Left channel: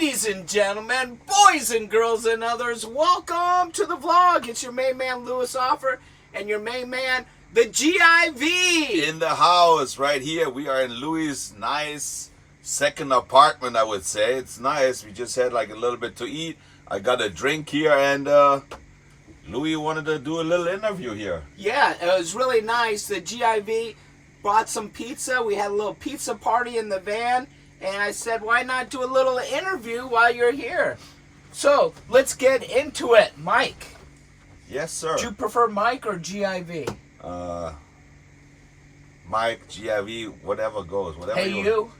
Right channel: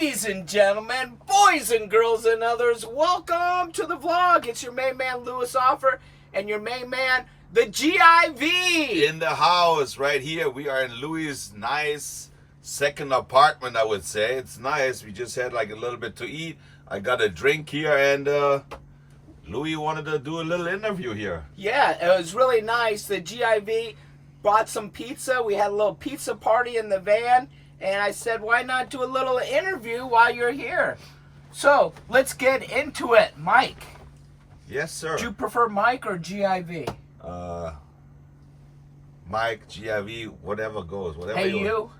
Ladies and gentlemen, boys and girls and others, welcome to the vlog. It's your main man, Louis Offer, and your main man, the GIV. In the house, right here. We are in Louis' nice second apartment, I would say. It's nice. We just had like a little bit to eat. I got a drink here, and Louis wanted to do a little interview here. Yeah, it was really nice. The GIV brought some pizza. We had a little pizza party in the van. And I said, why not do a little interview while you're here? So, let's get into it. Mike. Yes, sir. Do you prefer Mike or GIV? Mike, GIV, whatever goes. Whatever Hey, you?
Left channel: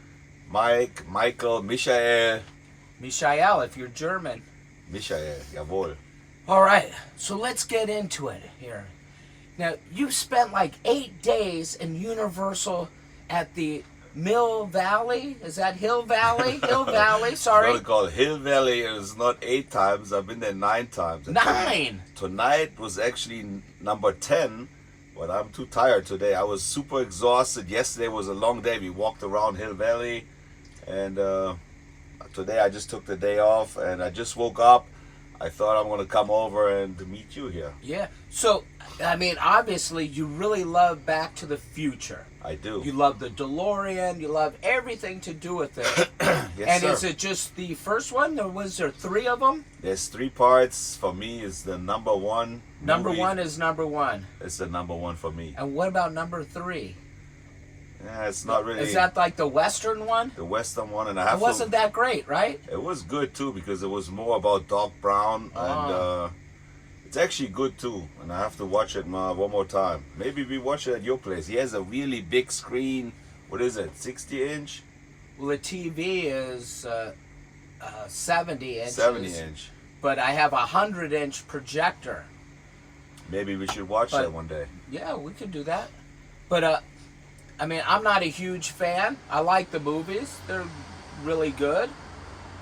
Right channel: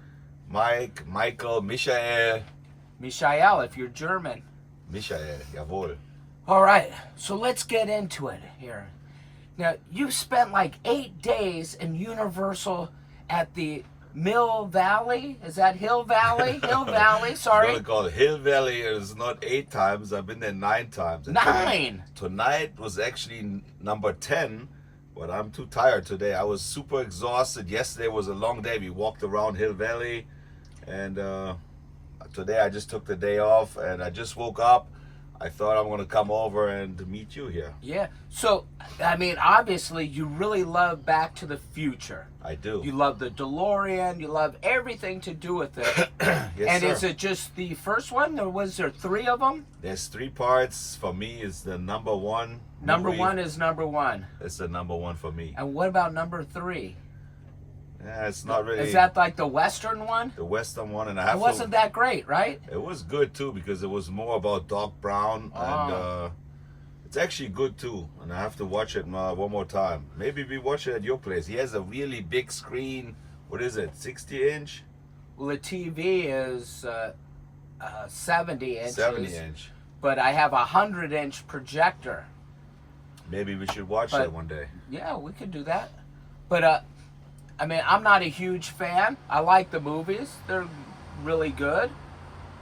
Mike, Michael, Michael. Michael, if you're German. Michael, jawohl. All right, so let's get into it here. Now, you spent like 8 days in Universal at the Mill Valley? Is that Hill Valley? Hill Valley, sorry. It's called Hill Valley. It was not 8 times. I've been there 9 times. And 9? Tonight was actually number 10, but I'm too tired today. I was super exhausted. Yesterday was a long day. We walked around Hill Valley, and today I just took the day off, and I just woke up. I thought I'm going to come over and meet you here. Yeah. So, I mean, obviously, you really love Back to the Future. I do. You love the DeLorean. You love everything to do with it. Yes, and sir. is it just the first one, or was there 3 of them? There's 3 parts. For me, it's the number 1. Number movie. 1 is number 1. It's the number 1 for me. And what about number 3? Yeah, it's not really. Is that like the Western one? The Western one? And I have It wasn't that great, right? It was good too, because it was more about Doc Brown, and it's actually good too. And I have to watch it one more time. Maybe we watch it at your place. He has a really big screen. What is it? 60-inch? Well, the TV is 70 inches. 70-inch. But I have a 100-inch projector. Maybe we should watch that one day. Yeah, we could do that. But I mean, I'm not a huge fan. I like the movies; they're really good.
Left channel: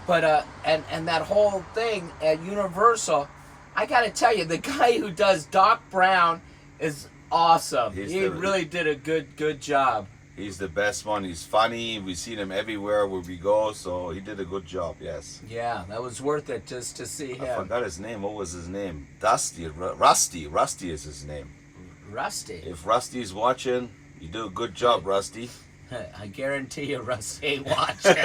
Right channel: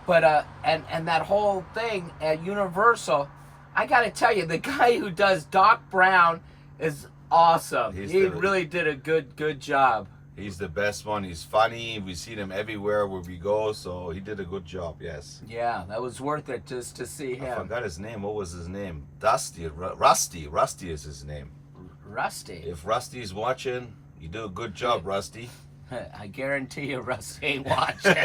But and that whole thing at Universal, I got to tell you, the guy who does Doc Brown is awesome. He really did a good job. He's the best one. He's funny. We see him everywhere where we go, so he did a good job. Yes. Yeah, that was worth it just to see him. I forgot his name. What was his name? Rusty. Rusty is his name. Rusty. If Rusty's watching, you do a good job, Rusty. I guarantee you Rusty ain't watching.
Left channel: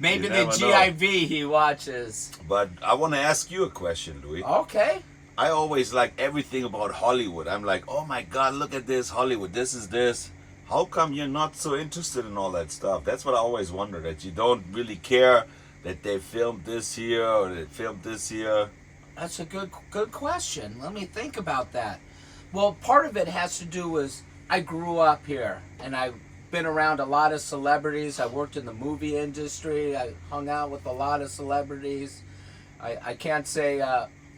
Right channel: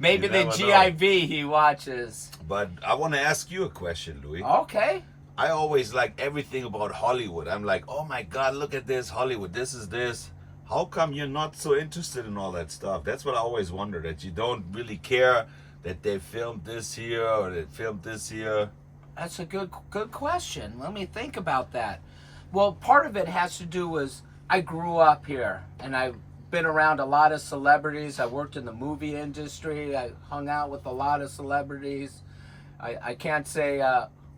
Maybe the GIV he watches. But I want to ask you a question, Louis. Okay. I always like everything about Hollywood. I'm like, oh my God, look at this, Hollywood. This is this. How come you're not so interested in all that stuff? That's what I always wonder, that you don't really care that they filmed this here or they filmed this here. That's a good question. Let me think about that. Well, part of it has to do with I grew up here, and I've been around a lot of celebrities. I worked in the movie industry. I hung out with a lot of celebrities. I can't say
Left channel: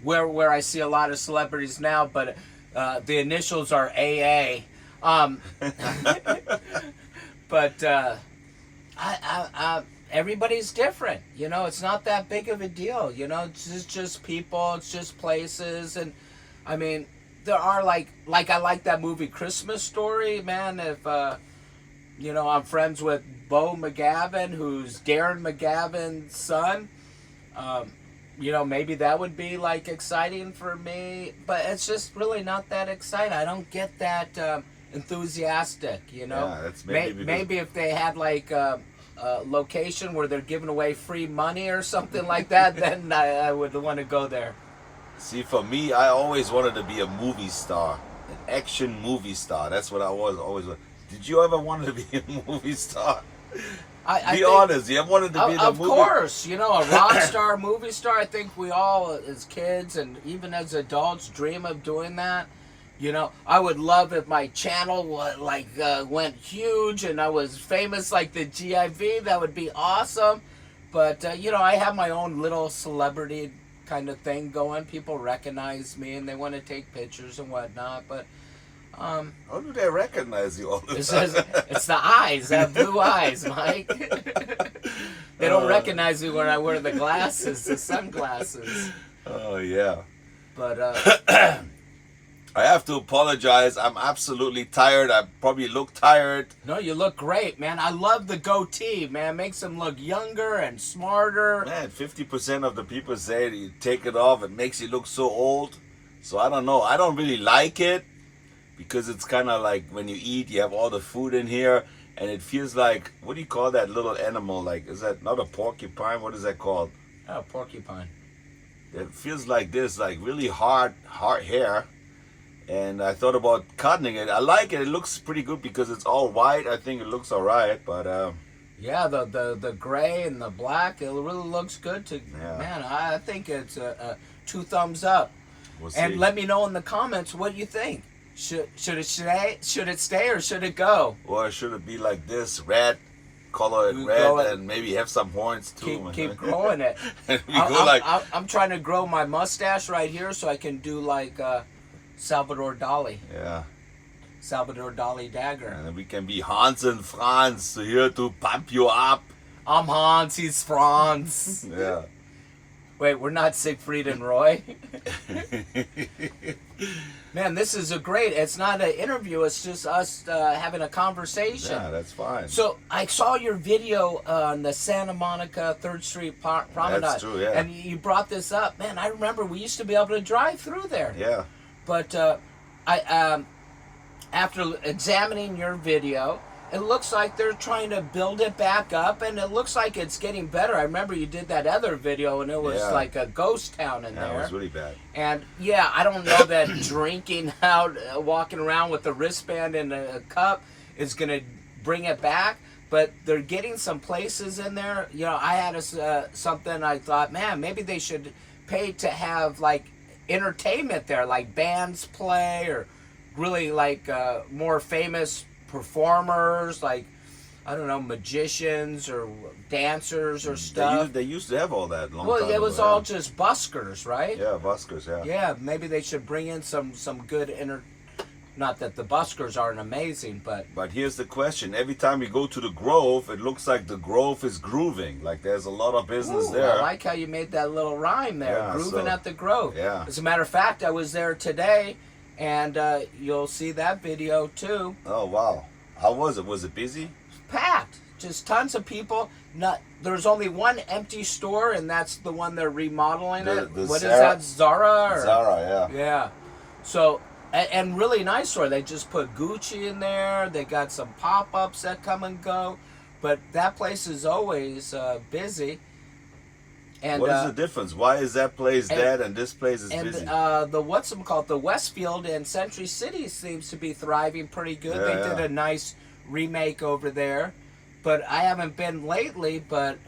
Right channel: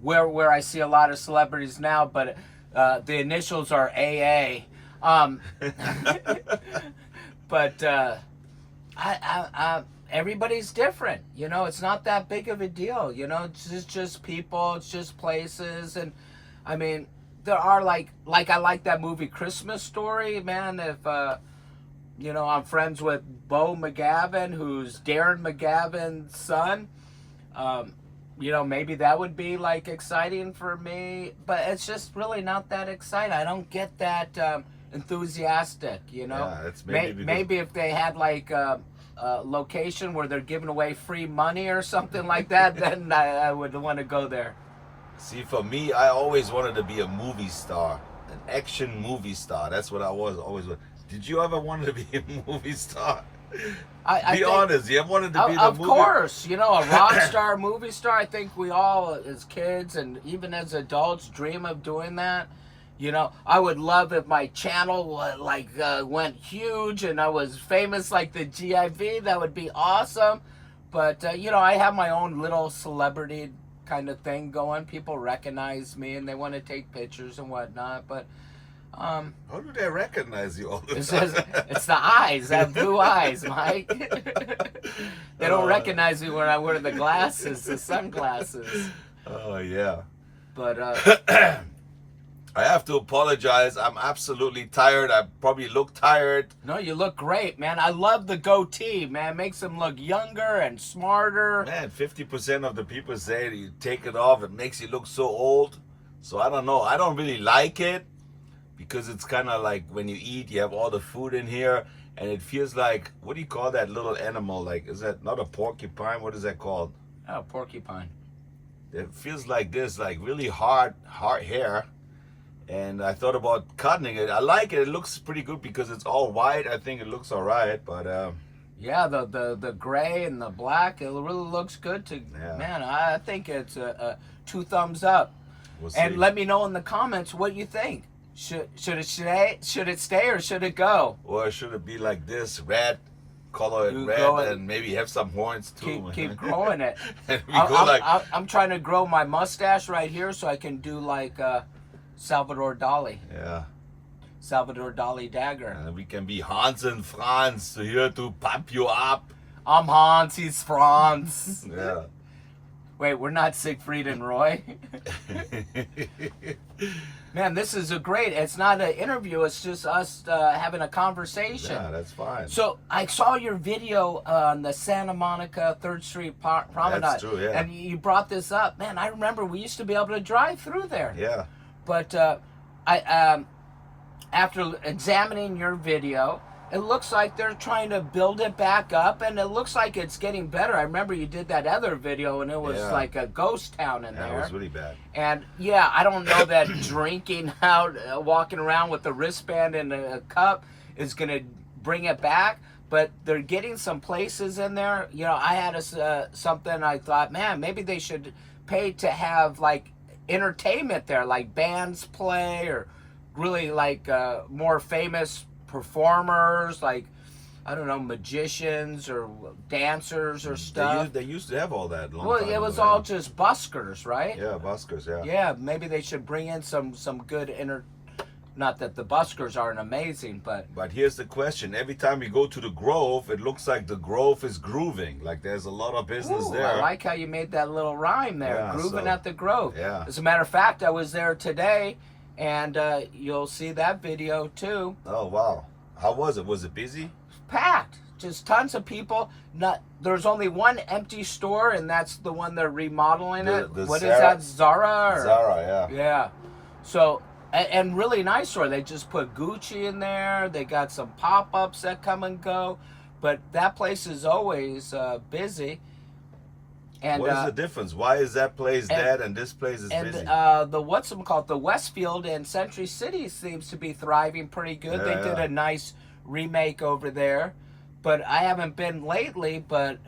where I see a lot of celebrities now, but the initials are AA. But everybody's different. You know, it's not that big of a deal. You know, it's just people. It's just places, and I mean. There are like I like that movie Christmas Story, man. If you know, I'm friends with Bo McGavin, who's Darren McGavin's son. You know, maybe that would be like exciting for me, but it's just really not that exciting. I don't get that enthusiastic, you know. Yeah, that's maybe if they had like a location where they're giving away free money or something like that, then I would want to go there. See, for me, I always wanted to be a movie star, an action movie star. That's what I always. Did you ever want to be a movie star? Be honest. You wanted to be in a movie. Of course, you know, a rock star, movie star. I think we all, as kids and even as adults, dream of doing that. You know, I would love if my channel went huge and I was famous like the GIV. That would be awesome. But you know, I have my own little celebrity kind of thing going. People recognize me and they want to take pictures and whatnot, but how do they recognize you all the time? It's the eyes, that blue eyes, Mike. They don't recognize me when I wear the glasses, the sunglasses. Oh yeah. But I have to apologize. I'm absolutely tired. I probably look tired. No, you look great, man. I love the goatee, man. Makes him look younger and smarter. Man, 50% of the people say that you take it off, it makes you look so old. So I don't know. I don't really like it because it's kind of like when you eat, you have all the food in here, and it feels like, what do you call that little animal? Like, is that not a porcupine? What is that called? Oh, porcupine. It feels like this, like really hard hair. And I thought about cutting it. I like it. It looks pretty good because it's all white. I think it looks all right, but yeah, the gray and the black, it really looks good. Yeah. Man, I think it's a 2 thumbs up. we'll see. And let me know in the comments what you think. Should it stay or should it go? Or should it be like this, red, color it red, and maybe have some horns too? Keep growing it. And we go like, I'm trying to grow my mustache right here so I can do like Salvador Dali. yeah. Salvador Dali dagger. And we can be Hans and Franz here to pump you up. I'm Hans, he's Franz. Yeah. Wait, we're not Siegfried and Roy. Man, this is it's not an interview, it's just us having a conversation. Yeah, that's fine. So I saw your video on the Santa Monica 3rd Street Promenade. That's true, yeah. And you brought this up. Man, I remember we used to be able to drive through there. Yeah. But after examining your video, it looks like they're trying to build it back up, and it looks like it's getting better. I remember you did that other video, and it was like a ghost town in there. It was really bad. And yeah, I don't know that drinking out, walking around with a wristband and a cup is going to bring it back. But they're getting some places in there. You know, I had something I thought, man, maybe they should pay to have like entertainment there, like bands play or really like more famous performers, like I don't know, magicians or dancers or stuff. They used to have all that long time Well, it was ago, all yeah. just buskers, right? Yeah, buskers, yeah. Yeah, maybe they should bring in some good not that the buskers aren't amazing, but here's the question. Every time we go to the Grove, it looks like the Grove is grooving. Like there's a lot of business there. I like how you made that little rhyme there, Yeah, grooving so, at the Grove. yeah. As a matter of fact, I was there today, and you'll see that video too. Oh, wow. How was it? Was it busy? Packed, just tons of people. There's only one empty store, and that's the one they're remodeling. What is that, Zara? Zara, yeah. Yeah. So, and really nice store. They just put Gucci in there. They got some pop-ups that come and go, but that place is always busy. And what is the difference? Why is that place dead and this place is busy? And the Westfield and Century City seems to be thriving pretty good. They did a nice remake over there, but I haven't been lately. But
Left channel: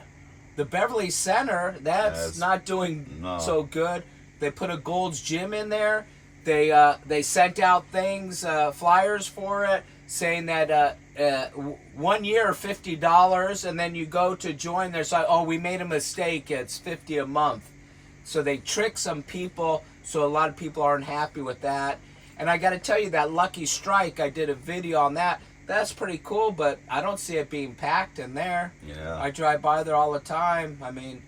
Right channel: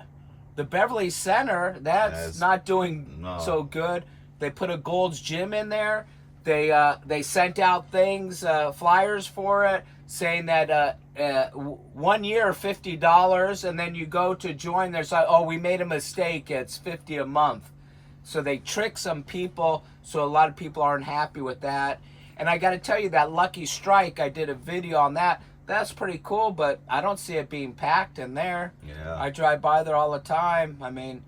the Beverly Center, that's not doing so good. They put a Gold's Gym in there. They sent out things, flyers for it, saying that 1 year $50, and then you go to join. There's like, oh, we made a mistake. It's $50 a month. So they trick some people. So a lot of people aren't happy with that. And I got to tell you, that Lucky Strike, I did a video on that. That's pretty cool, but I don't see it being packed in there. Yeah. I drive by there all the time. I mean,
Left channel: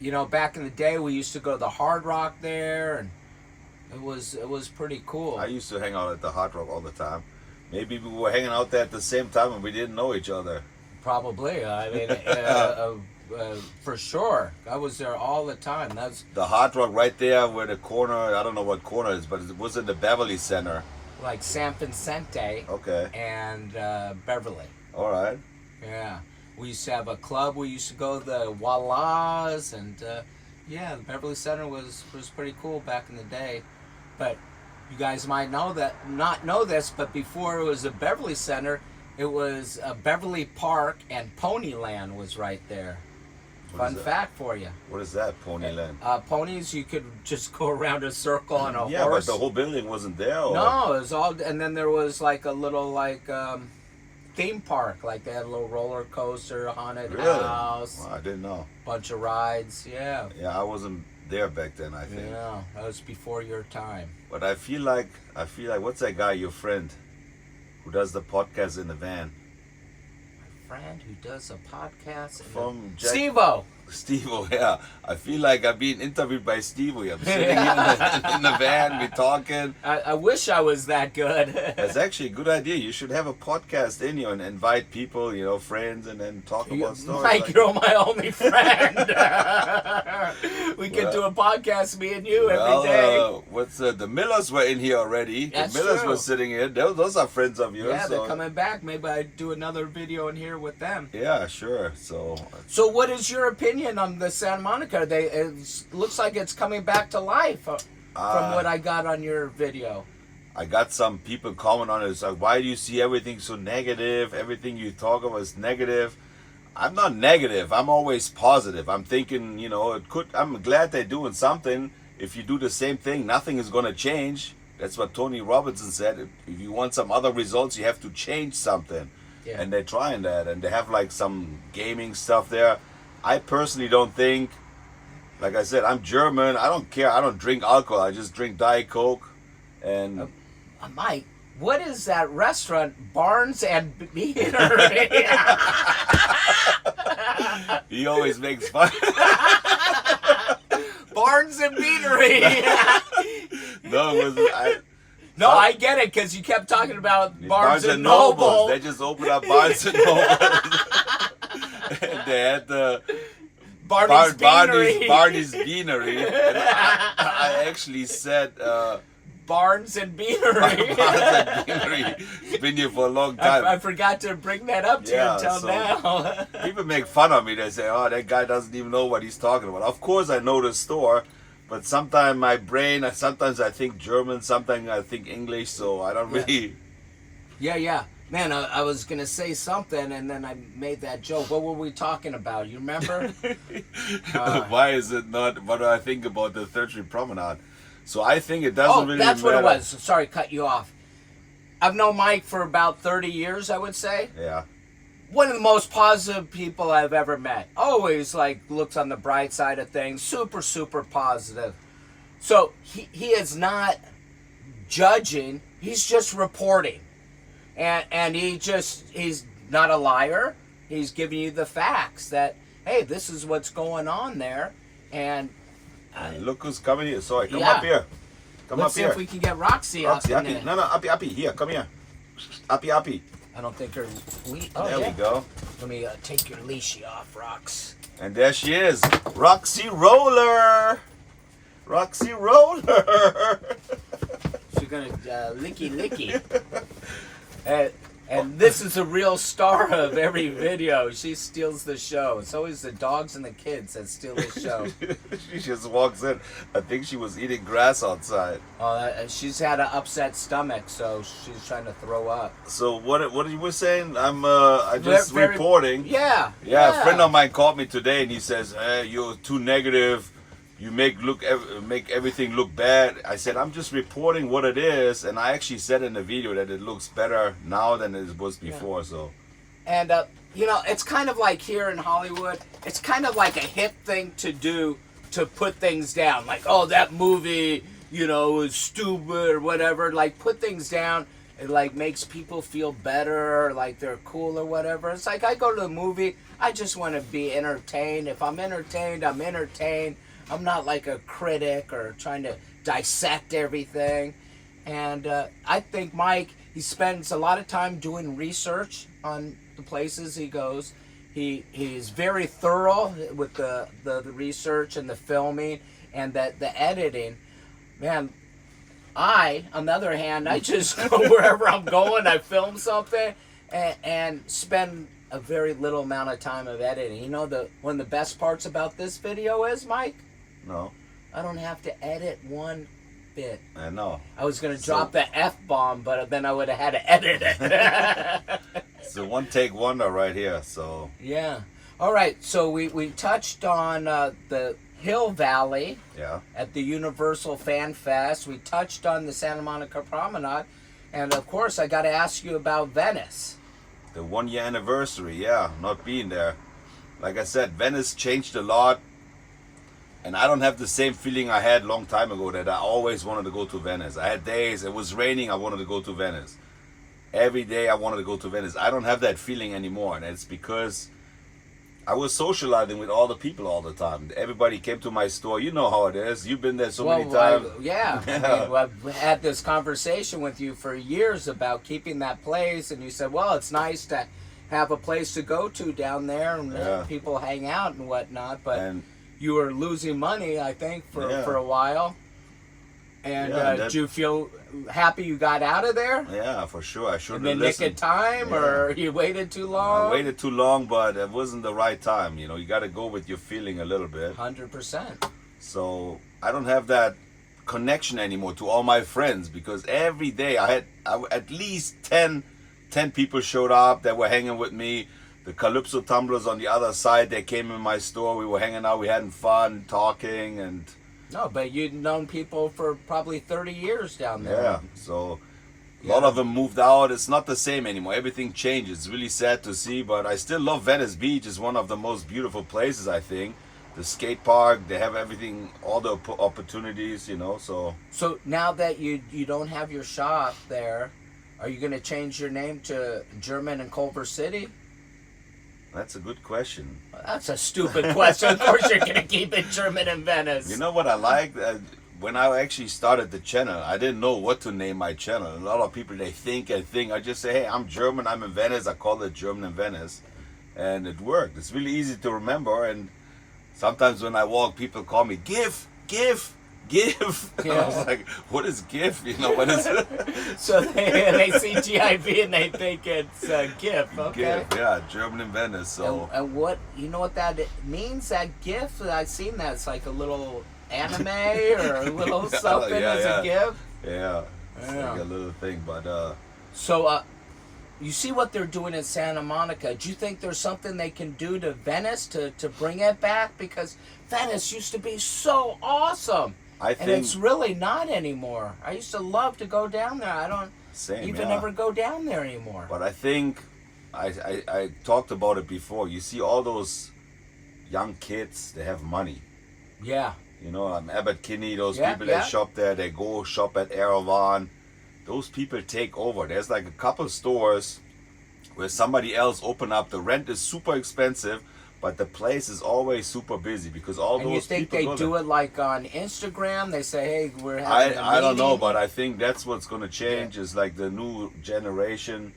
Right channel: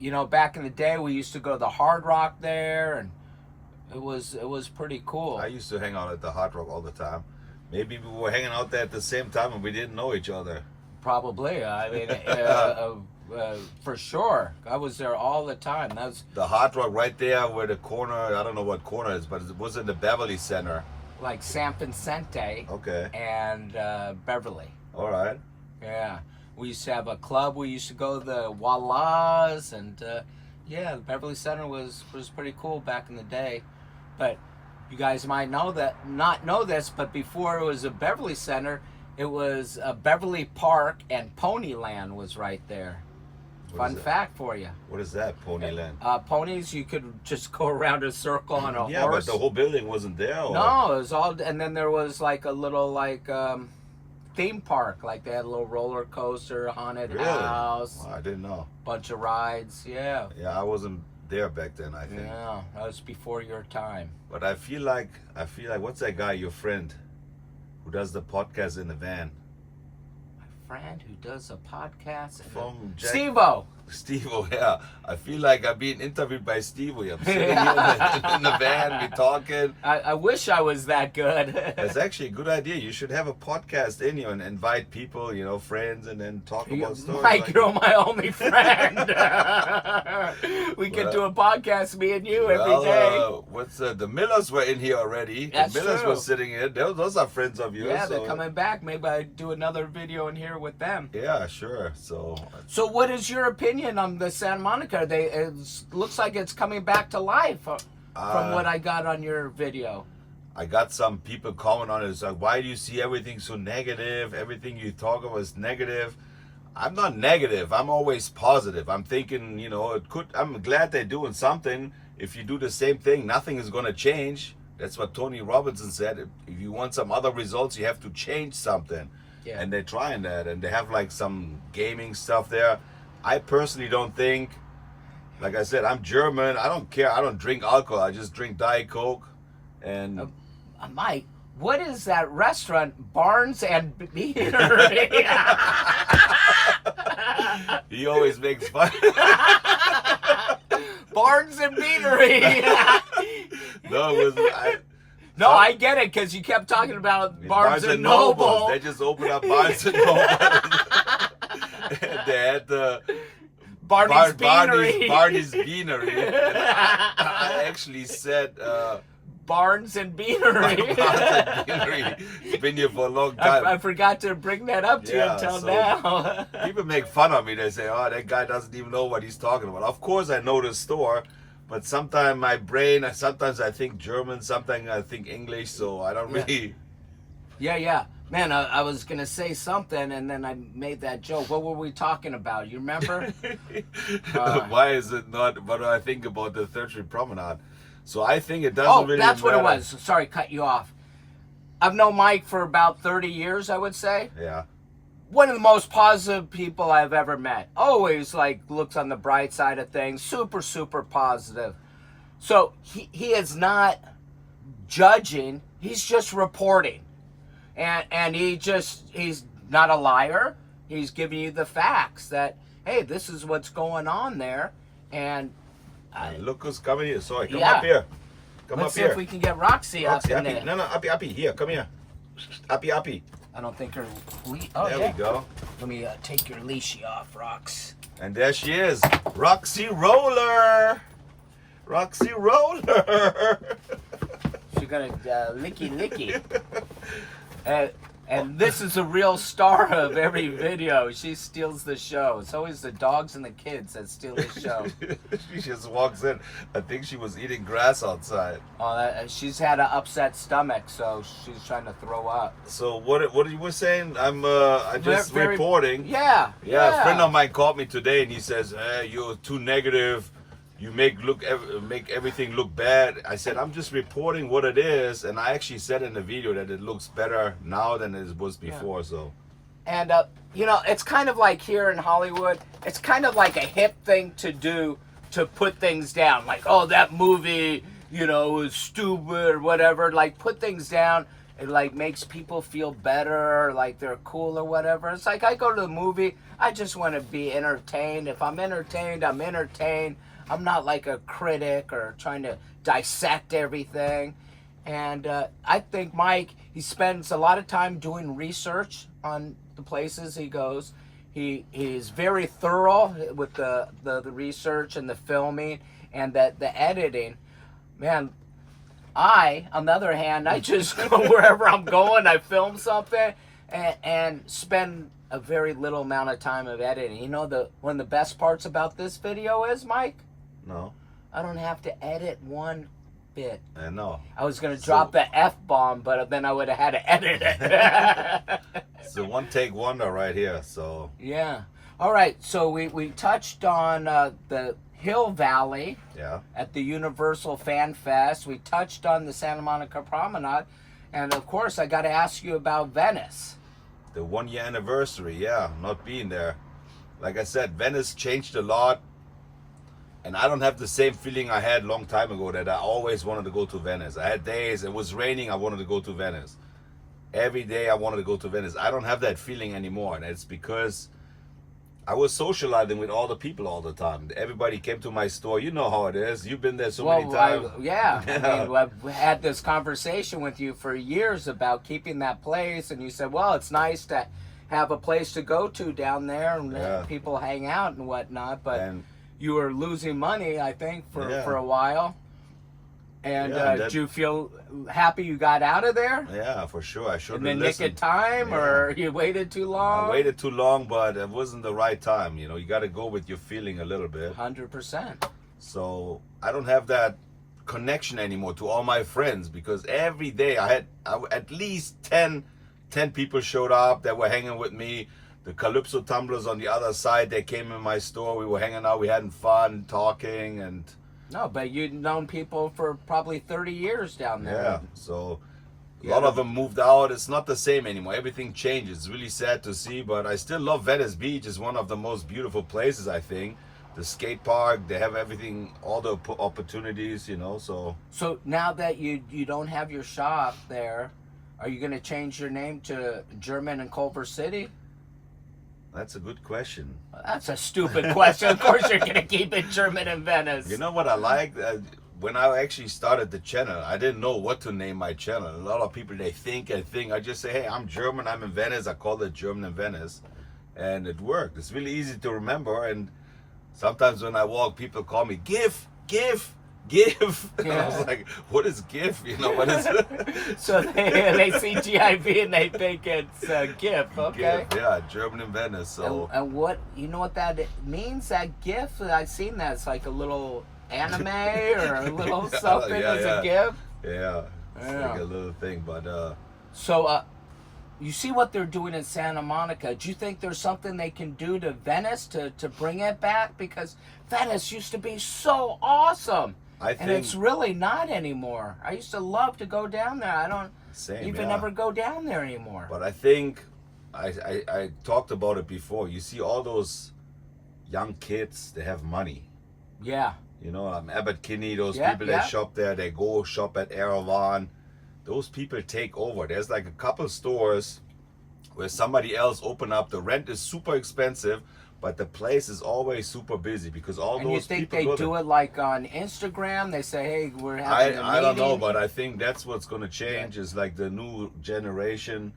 you know, back in the day, we used to go to the Hard Rock there, and it was pretty cool. I used to hang out at the Hard Rock all the time. Maybe we were hanging out there at the same time and we didn't know each other. Probably. I mean, for sure. I was there all the time. That's the Hard Rock right there where the corner, I don't know what corner it is, but it was in the Beverly Center. Like San Vicente. Okay. And Beverly. All right. Yeah. We used to have a club. We used to go to the Walla's, and yeah, the Beverly Center was pretty cool back in the day. But you guys might not know this, but before it was a Beverly Center, it was a Beverly Park, and Ponyland was right there. Fun fact for you. What is that, Ponyland? Ponies, you could just go around a circle on a horse. Yeah, but the whole building wasn't there? Or? No, it was all, and then there was like a little theme park. Like they had a little roller coaster, haunted house. Well, I didn't know. Bunch of rides, yeah. Yeah, I wasn't there back then, I think. Yeah, that was before your time. But I feel like, what's that guy, your friend, who does the podcast in the van? My friend who does a podcast From Steve-O. Steve-O, yeah. I feel like I'm being interviewed by Steve-O. I'm sitting here in the van, we're talking. I wish I was that good. That's actually a good idea. You should have a podcast in you and invite people, friends, and then talk about stories. Mike, you're my only friend. We could do a podcast, me and you, every day. The Millers were in here already. That's the Millers true. were sitting here. Those are friends of yours. Yeah, they're coming back. Maybe I do another video in here with them. Yeah, sure. So what is your opinion on the Santa Monica? It looks like it's coming back to life from what I got on your video. I got some people comment on it. It's like, why do you see everything so negative? Everything you talk about is negative. I'm not negative. I'm always positive. I'm thinking, I'm glad they're doing something. If you do the same thing, nothing is going to change. That's what Tony Robinson said. If you want some other results, you have to change something. Yeah. And they're trying that. And they have like some gaming stuff there. I personally don't think, like I said, I'm German. I don't care. I don't drink alcohol. I just drink Diet Coke. And Mike, what is that restaurant, Barnes and Beanery? He always makes fun. Barnes and Beanery. No, it wasn't. I get it, because you kept talking about Barnes and Noble. They just opened up Barnes and Noble. They had the Barney's Beanery. Barney's Beanery. And I actually said Barnes and Beanery. Barnes and Beanery. It's been here for a long time. I forgot to bring that up to you until now. People make fun of me. They say, "Oh, that guy doesn't even know what he's talking about." Of course, I know the store, but sometimes my brain, sometimes I think German, sometimes I think English, so I don't really. Yeah. Man, I was going to say something, and then I made that joke. What were we talking about? You remember? Why is it not? What do I think about the 3rd Street Promenade? So I think it doesn't really that's matter. what it was. Sorry, cut you off. I've known Mike for about 30 years, I would say. Yeah. One of the most positive people I've ever met. Always, looks on the bright side of things. Super, super positive. So, he is not judging. He's just reporting. And he's not a liar. He's giving you the facts that, hey, this is what's going on there. And look who's coming here. Sorry, come up here. Let's see if we can get Roxy up in there. No, Uppy, here, come here. Uppy. I don't think her there we go. Let me take your leashy off, Rox. And there she is, Roxy Roller. Roxy Roller. She's gonna licky. And this is a real star of every video. She steals the show. It's always the dogs and the kids that steal the show. She just walks in. I think she was eating grass outside. She's had an upset stomach, so she's trying to throw up. So what you were saying? I'm just reporting. Yeah. A friend of mine called me today, and he says, "Hey, you're too negative. You make everything look bad." I said, "I'm just reporting what it is," and I actually said in the video that it looks better now than it was before. So, and it's kind of like here in Hollywood, it's kind of like a hip thing to do, to put things down. Like, oh, that movie, is stupid or whatever. Like, put things down. It makes people feel better, like they're cool or whatever. It's like I go to the movie, I just want to be entertained. If I'm entertained, I'm entertained. I'm not like a critic or trying to dissect everything. And I think Mike, he spends a lot of time doing research on the places he goes. He's very thorough with the research and the filming and the editing. Man, on the other hand, I just go wherever I'm going, I film something and spend a very little amount of time of editing. One of the best parts about this video is, Mike? No. I don't have to edit one bit. I know. I was going to drop the F-bomb, but then I would have had to edit it. It's a one-take wonder right here, so. Yeah. All right, so we touched on the Hill Valley at the Universal Fan Fest. We touched on the Santa Monica Promenade. And, of course, I got to ask you about Venice. The 1-year anniversary, not being there. Like I said, Venice changed a lot. And I don't have the same feeling I had a long time ago that I always wanted to go to Venice. I had days, it was raining, I wanted to go to Venice. Every day I wanted to go to Venice. I don't have that feeling anymore. And it's because I was socializing with all the people all the time. Everybody came to my store. You know how it is. You've been there so many times. Yeah. I mean, I've had this conversation with you for years about keeping that place, and you said, well, it's nice to have a place to go to down there and people hang out and whatnot, but you were losing money, I think, for a while. And did you feel happy you got out of there? Yeah, for sure. I should have listened. In the nick of time, or you waited too long? I waited too long, but it wasn't the right time. You know, you got to go with your feeling a little bit. 100%. So I don't have that connection anymore to all my friends, because every day I had at least 10 people showed up that were hanging with me. The Calypso tumblers on the other side, they came in my store. We were hanging out. We having fun, talking, and... No, but you'd known people for probably 30 years down there. Yeah, so a lot of them moved out. It's not the same anymore. Everything changes. It's really sad to see, but I still love Venice Beach. It's one of the most beautiful places, I think. The skate park, they have everything, all the opportunities, you know, so... So now that you don't have your shop there, are you going to change your name to German in Culver City? That's a good question. That's a stupid question. Of course you're going to keep it German in Venice. You know what I like? When I actually started the channel, I didn't know what to name my channel. A lot of people, they think. I just say, hey, I'm German, I'm in Venice. I call it German in Venice. And it worked. It's really easy to remember. And sometimes when I walk, people call me GIF. And I was like, what is GIF? You know, what is it? So they see GIV and they think it's GIF. Okay. GIF, yeah, German in Venice. So. And what, you know what that means, that GIF? I've seen that. It's like a little anime or a little something as a GIF. Yeah, it's like a little thing. But so you see what they're doing in Santa Monica. Do you think there's something they can do to Venice to bring it back? Because Venice used to be so awesome. And it's really not anymore. I used to love to go down there. I don't even ever go down there anymore. But I think, I talked about it before. You see all those young kids, they have money. Yeah. You know, Abbott Kinney, those people that shop there, they go shop at Erawan. Those people take over. There's like a couple stores where somebody else open up. The rent is super expensive, but the place is always super busy because all those people. And you think they do it like on Instagram? They say, "Hey, we're having a meeting." I don't know, but I think that's what's going to change. Is like the new generation.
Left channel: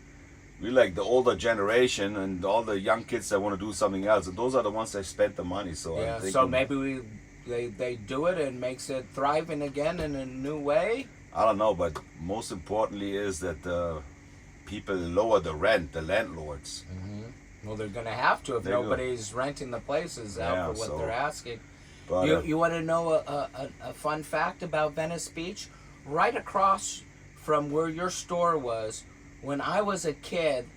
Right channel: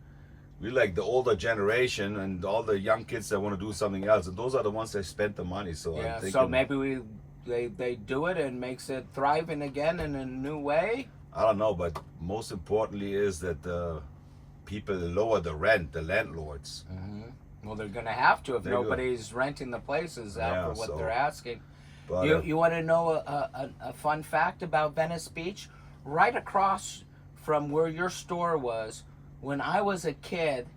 We like the older generation and all the young kids that want to do something else, and those are the ones that spent the money. So yeah, so maybe they do it and makes it thriving again in a new way. I don't know, but most importantly is that the people lower the rent, the landlords. Mm-hmm. Well, they're going to have to if nobody's renting the places out for what they're asking. But, you want to know a fun fact about Venice Beach? Right across from where your store was, when I was a kid,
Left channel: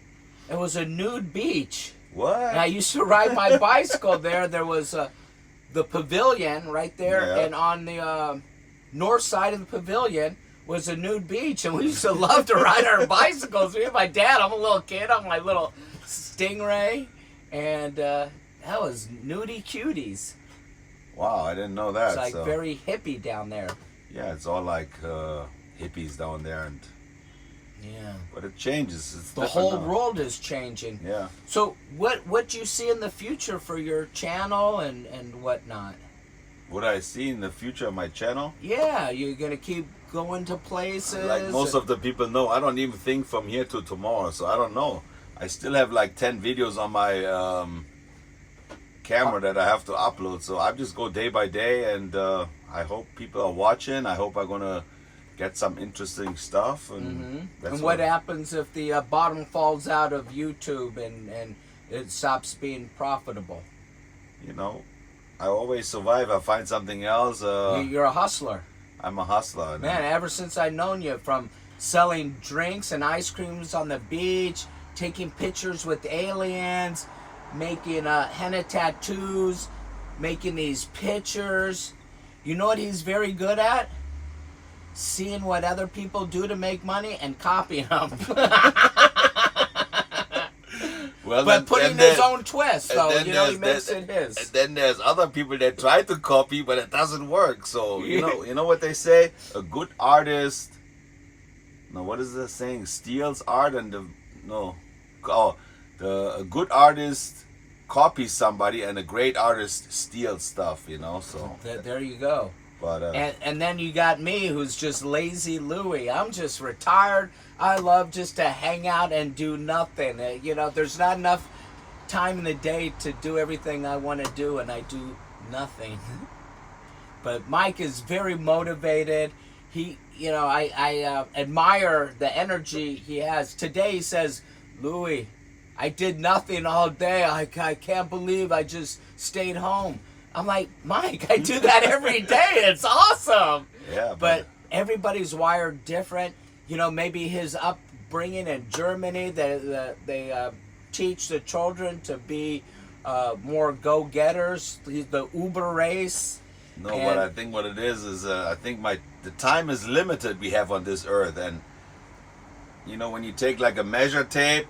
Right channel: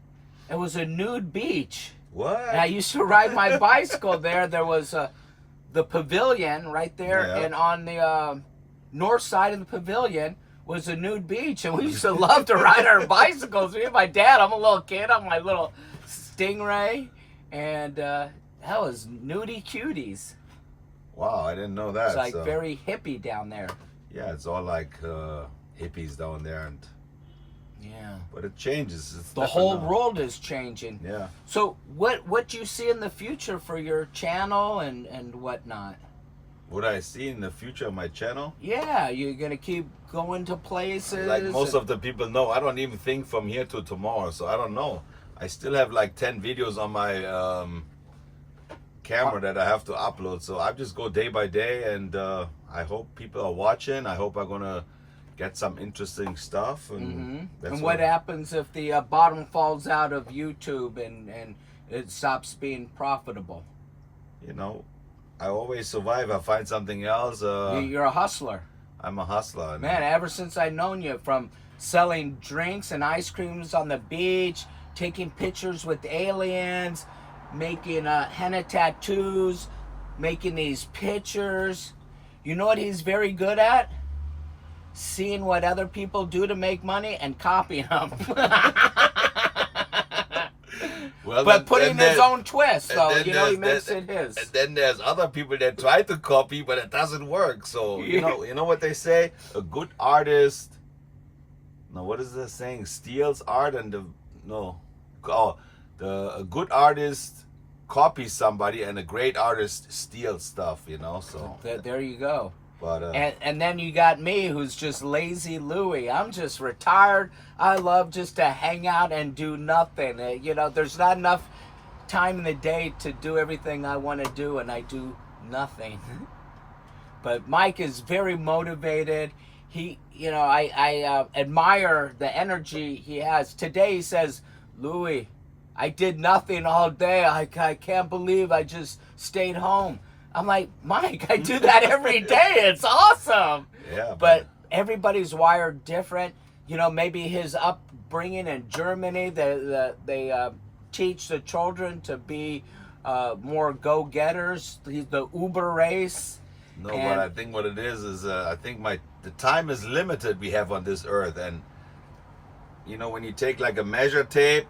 it was a nude beach. What? And I used to ride my bicycle there. There was the pavilion right there, and on the north side of the pavilion was a nude beach, and we used to love to ride our bicycles. Me and my dad, I'm a little kid, I'm my little Stingray, and that was nudie cuties. Wow, I didn't know that. It's like very hippie down there. Yeah, it's all like hippies down there, and but it changes. It's the whole world is changing. Yeah. So what do you see in the future for your channel and whatnot? What I see in the future of my channel? Yeah, you're gonna keep going to places. Like most of the people know, I don't even think from here to tomorrow, so I don't know. I still have like 10 videos on my camera that I have to upload, so I just go day by day, and I hope people are watching. I hope I'm gonna get some interesting stuff. And, and what happens if the bottom falls out of YouTube and it stops being profitable? You know, I always survive. I find something else. You're a hustler. I'm a hustler. Man, ever since I've known you, from selling drinks and ice creams on the beach, taking pictures with aliens, making henna tattoos, making these pictures. You know what he's very good at? Seeing what other people do to make money and copying them. Well, but putting his own twist, though, you know, he makes it his. And then there's other people that try to copy, but it doesn't work. So, you know what they say? A good artist, no, what is the saying? Steals art and a good artist copy somebody and a great artist steals stuff, you know. So There you go. but And then you got me, who's just lazy Louie. I'm just retired. I love just to hang out and do nothing. You know, there's not enough time in the day to do everything I want to do, and I do nothing. But Mike is very motivated. He, you know, I admire the energy he has. Today he says, Louie, I did nothing all day. I can't believe I just stayed home. I'm like, Mike, I do that every day. It's awesome. yeah, But everybody's wired different. You know, maybe his upbringing in Germany, they teach the children to be more go-getters. The Uber race. no, but I think what it is I think the time is limited we have on this earth, and you know, when you take like a measure tape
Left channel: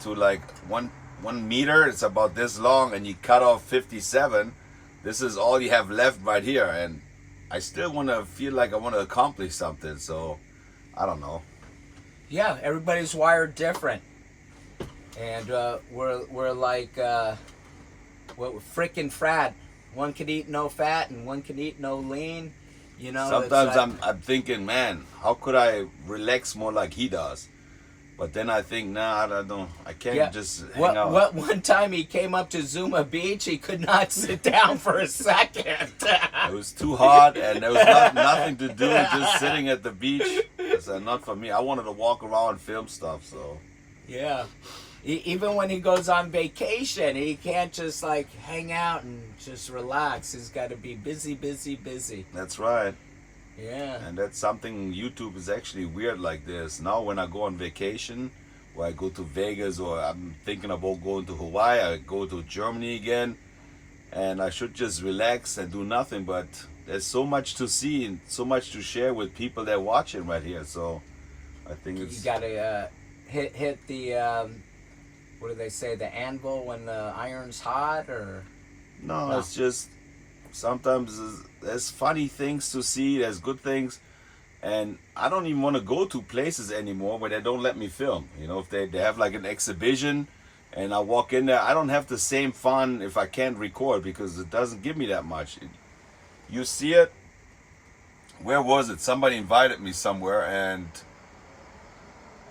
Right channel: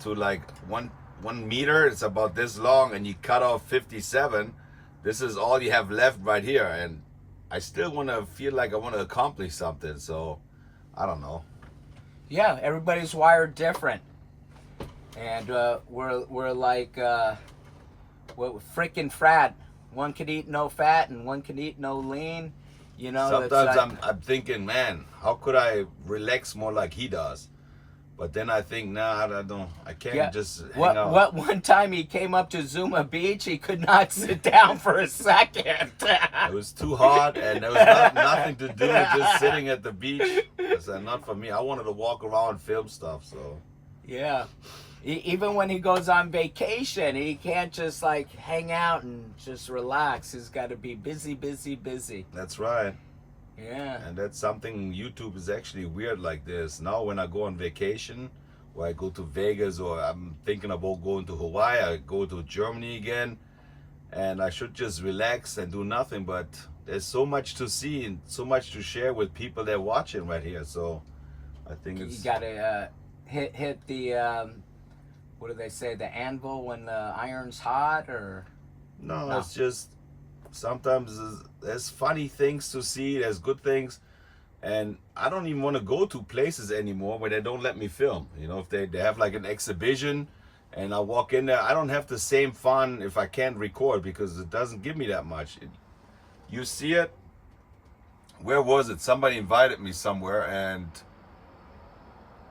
to like one meter, it's about this long, and you cut off 57. This is all you have left right here, and I still want to feel like I want to accomplish something. So I don't know. Yeah, everybody's wired different, and we're like frickin' frat. One can eat no fat, and one can eat no lean. You know. Sometimes I'm thinking, man, how could I relax more like he does? But then I think, nah, I can't just hang out. What one time he came up to Zuma Beach, he could not sit down for a second. It was too hot, and there was nothing to do, just sitting at the beach. It's not for me. I wanted to walk around and film stuff, so. Yeah. Even when he goes on vacation, he can't just like hang out and just relax. He's got to be busy, busy, busy. That's right. Yeah. And that's something, YouTube is actually weird like this. Now when I go on vacation, or I go to Vegas, or I'm thinking about going to Hawaii, I go to Germany again, and I should just relax and do nothing, but there's so much to see and so much to share with people that are watching right here. So I think it's... You got to hit the, what do they say, the anvil when the iron's hot, or? No, it's just sometimes there's funny things to see, there's good things, and I don't even want to go to places anymore where they don't let me film. You know, if they have like an exhibition and I walk in there, I don't have the same fun if I can't record, because it doesn't give me that much. You see it, where was it? Somebody invited me somewhere, and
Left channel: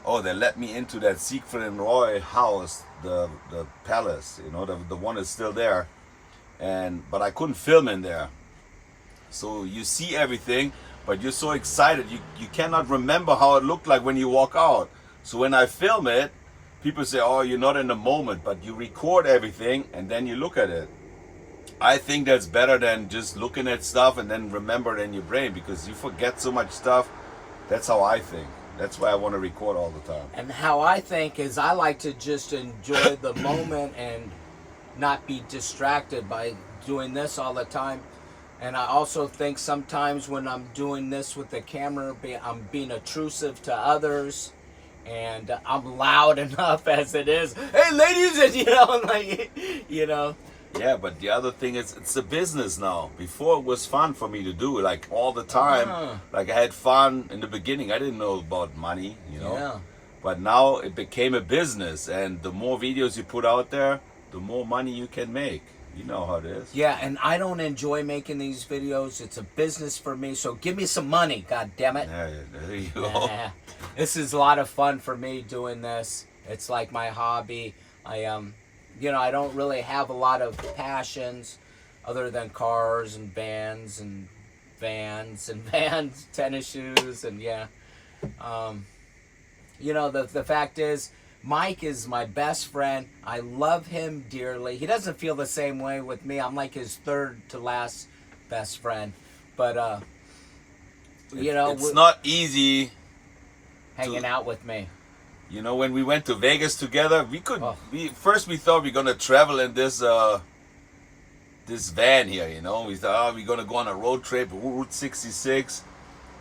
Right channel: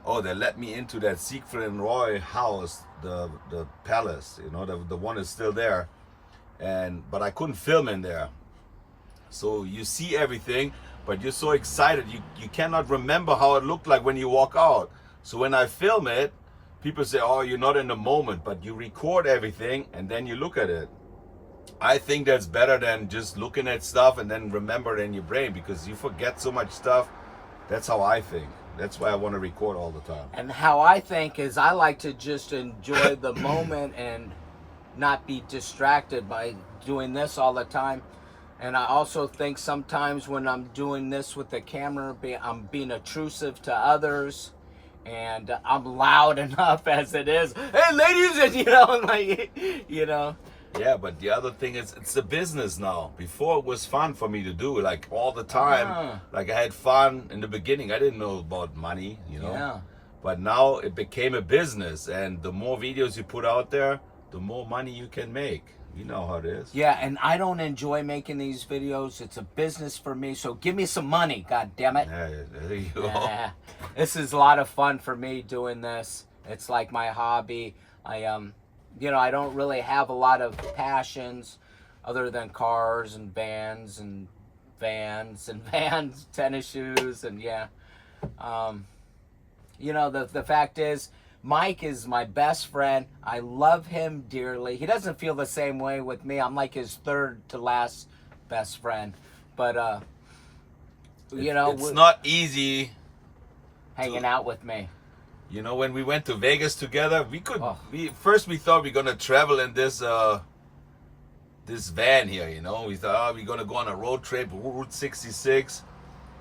oh, they let me into that Siegfried and Roy house, the palace, you know, the one is still there. But I couldn't film in there. So you see everything, but you're so excited, you cannot remember how it looked like when you walk out. So when I film it, people say, oh, you're not in the moment, but you record everything and then you look at it. I think that's better than just looking at stuff and then remember it in your brain, because you forget so much stuff. That's how I think. That's why I want to record all the time. And how I think is I like to just enjoy the moment and not be distracted by doing this all the time. And I also think sometimes when I'm doing this with the camera, I'm being intrusive to others, and I'm loud enough as it is. Hey, ladies, and you know. Yeah, but the other thing is, it's a business now. Before it was fun for me to do, like all the time. Like I had fun in the beginning. I didn't know about money, you know. Yeah. But now it became a business, and the more videos you put out there, the more money you can make. You know how it is. Yeah, and I don't enjoy making these videos. It's a business for me, so give me some money, god damn it. Yeah, there you go. Yeah. This is a lot of fun for me doing this. It's like my hobby. You know, I don't really have a lot of passions other than cars and bands and vans, tennis shoes, and yeah. You know, the fact is, Mike is my best friend. I love him dearly. He doesn't feel the same way with me. I'm like his third to last best friend. But, you know. It's not easy hanging out with me. You know, when we went to Vegas together, we thought we were gonna travel in this this van here. You know, we thought, oh, we're gonna go on a road trip, Route 66,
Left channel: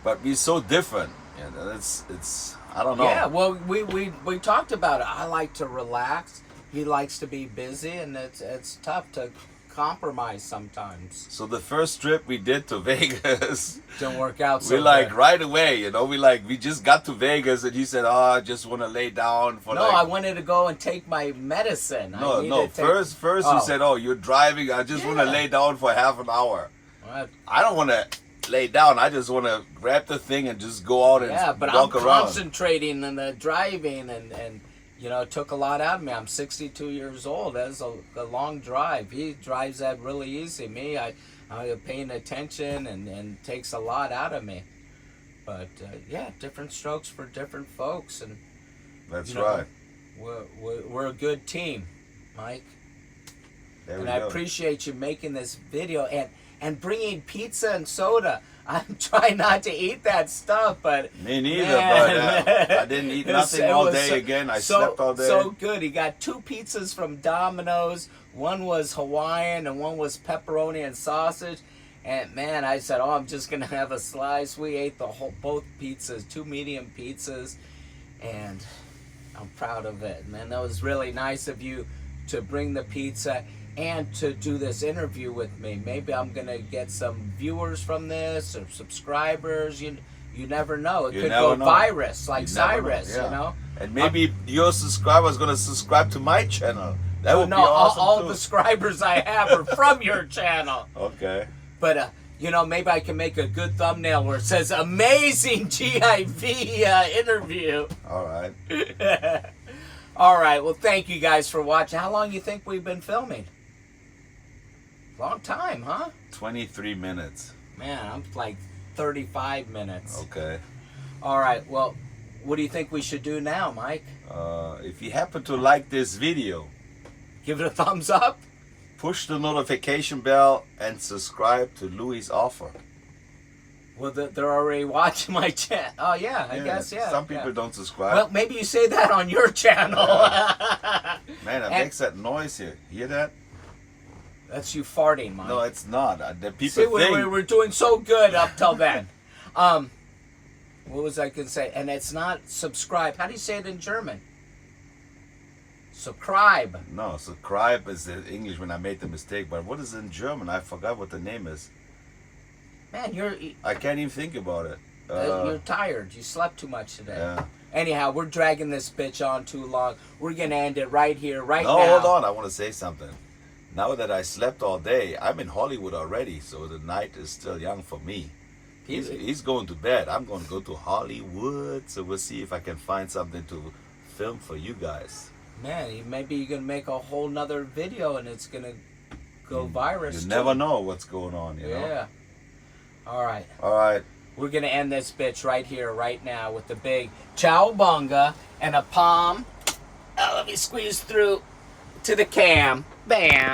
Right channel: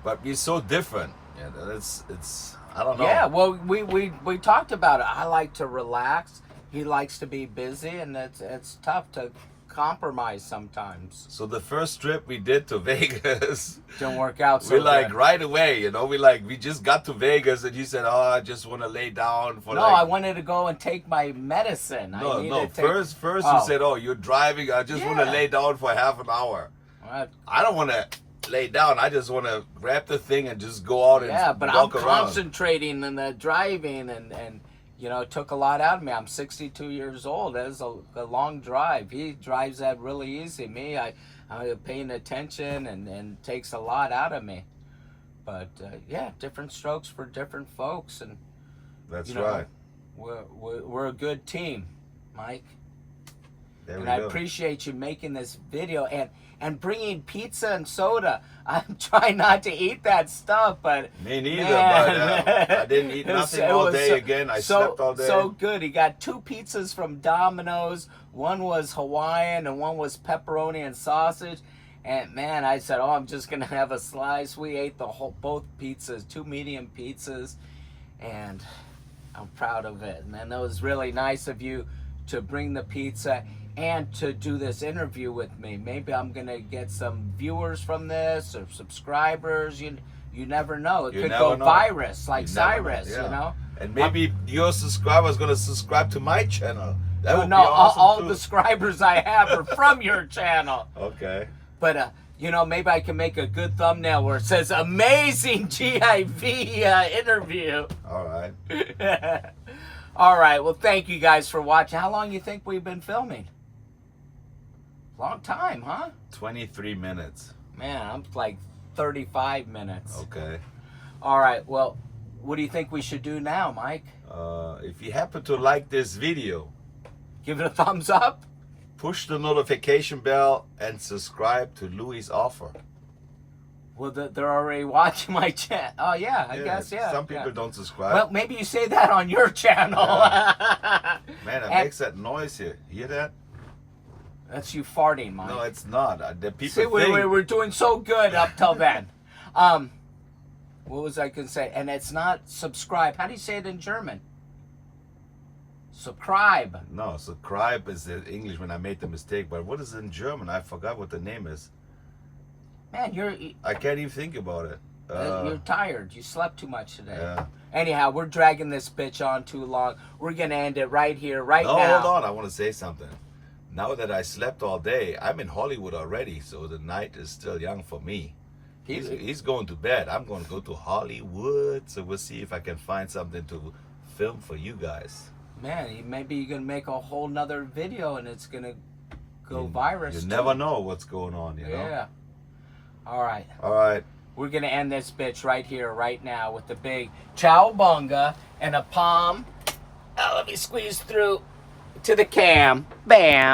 but we're so different. Yeah, it's I don't know. Yeah, well, we talked about it. I like to relax. He likes to be busy, and it's tough to compromise sometimes. So the first trip we did to Vegas, Didn't work out so we like good. right away, you know, we just got to Vegas and he said, "Oh, I just want to lay down for." No, like, I wanted to go and take my medicine. I needed to take, First Oh. you said, "Oh, you're driving. I just want to Yeah. lay down for half an hour." Well, I don't want to lay down. I just want to grab the thing and just go out and yeah, but I'm walk around. concentrating on the driving, and you know, it took a lot out of me. I'm 62 years old. That's a long drive. He drives that really easy. Me, I'm paying attention, and takes a lot out of me. But yeah, different strokes for different folks, and That's you know, right. we're a good team, Mike. There And we I go. appreciate you making this video and bringing pizza and soda. I'm trying not to eat that stuff, but Me neither, man, but I didn't eat nothing all day again. I slept all day. So good. He got 2 pizzas from Domino's. One was Hawaiian and one was pepperoni and sausage. And man, I said, "Oh, I'm just gonna have a slice." We ate both pizzas, 2 medium pizzas, and I'm proud of it. And then it was really nice of you to bring the pizza and to do this interview with me. Maybe I'm gonna get some viewers from this or subscribers. You never know. It You could never go know. virus like You never know, Cyrus. yeah. You know. And maybe your subscriber's gonna subscribe to my channel. That would No, be awesome all too. the subscribers I have are from your channel. Okay. But you know, maybe I can make a good thumbnail where it says "Amazing GIV interview." All right. All right. Well, thank you guys for watching. How long you think we've been filming? Long time, huh? 23 minutes. Man, I'm like 35 minutes. Okay. All right. Well, what do you think we should do now, Mike? If you happen to like this video, Give it a thumbs up? push the notification bell and subscribe to Louis' offer. Well, they're already watching my channel. Oh, yeah, I guess, yeah. Some people yeah. don't subscribe. Well, maybe you say that on your channel. Man, it and- makes that noise here. Hear that? That's you farting, Mike. No, it's not. The people See, think. we're doing so good up till then. What was I going to say? And it's not subscribe. How do you say it in German? Subscribe. No, subscribe is the English when I made the mistake. But what is it in German? I forgot what the name is. Man, I can't even think about it. you're tired. You slept too much today. Yeah. Anyhow, we're dragging this bitch on too long. We're going to end it right here, right No, now. hold on. I want to say something. Now that I slept all day, I'm in Hollywood already, so the night is still young for me. He's going to bed. I'm going to go to Hollywood, so we'll see if I can find something to film for you guys. Man, maybe you're going to make a whole nother video and it's going to go virus. You never know what's going on, you know? Yeah. All right. All right. We're going to end this bitch right here, right now, with the big cowabunga and a palm. Oh, let me squeeze through to the cam. Bam.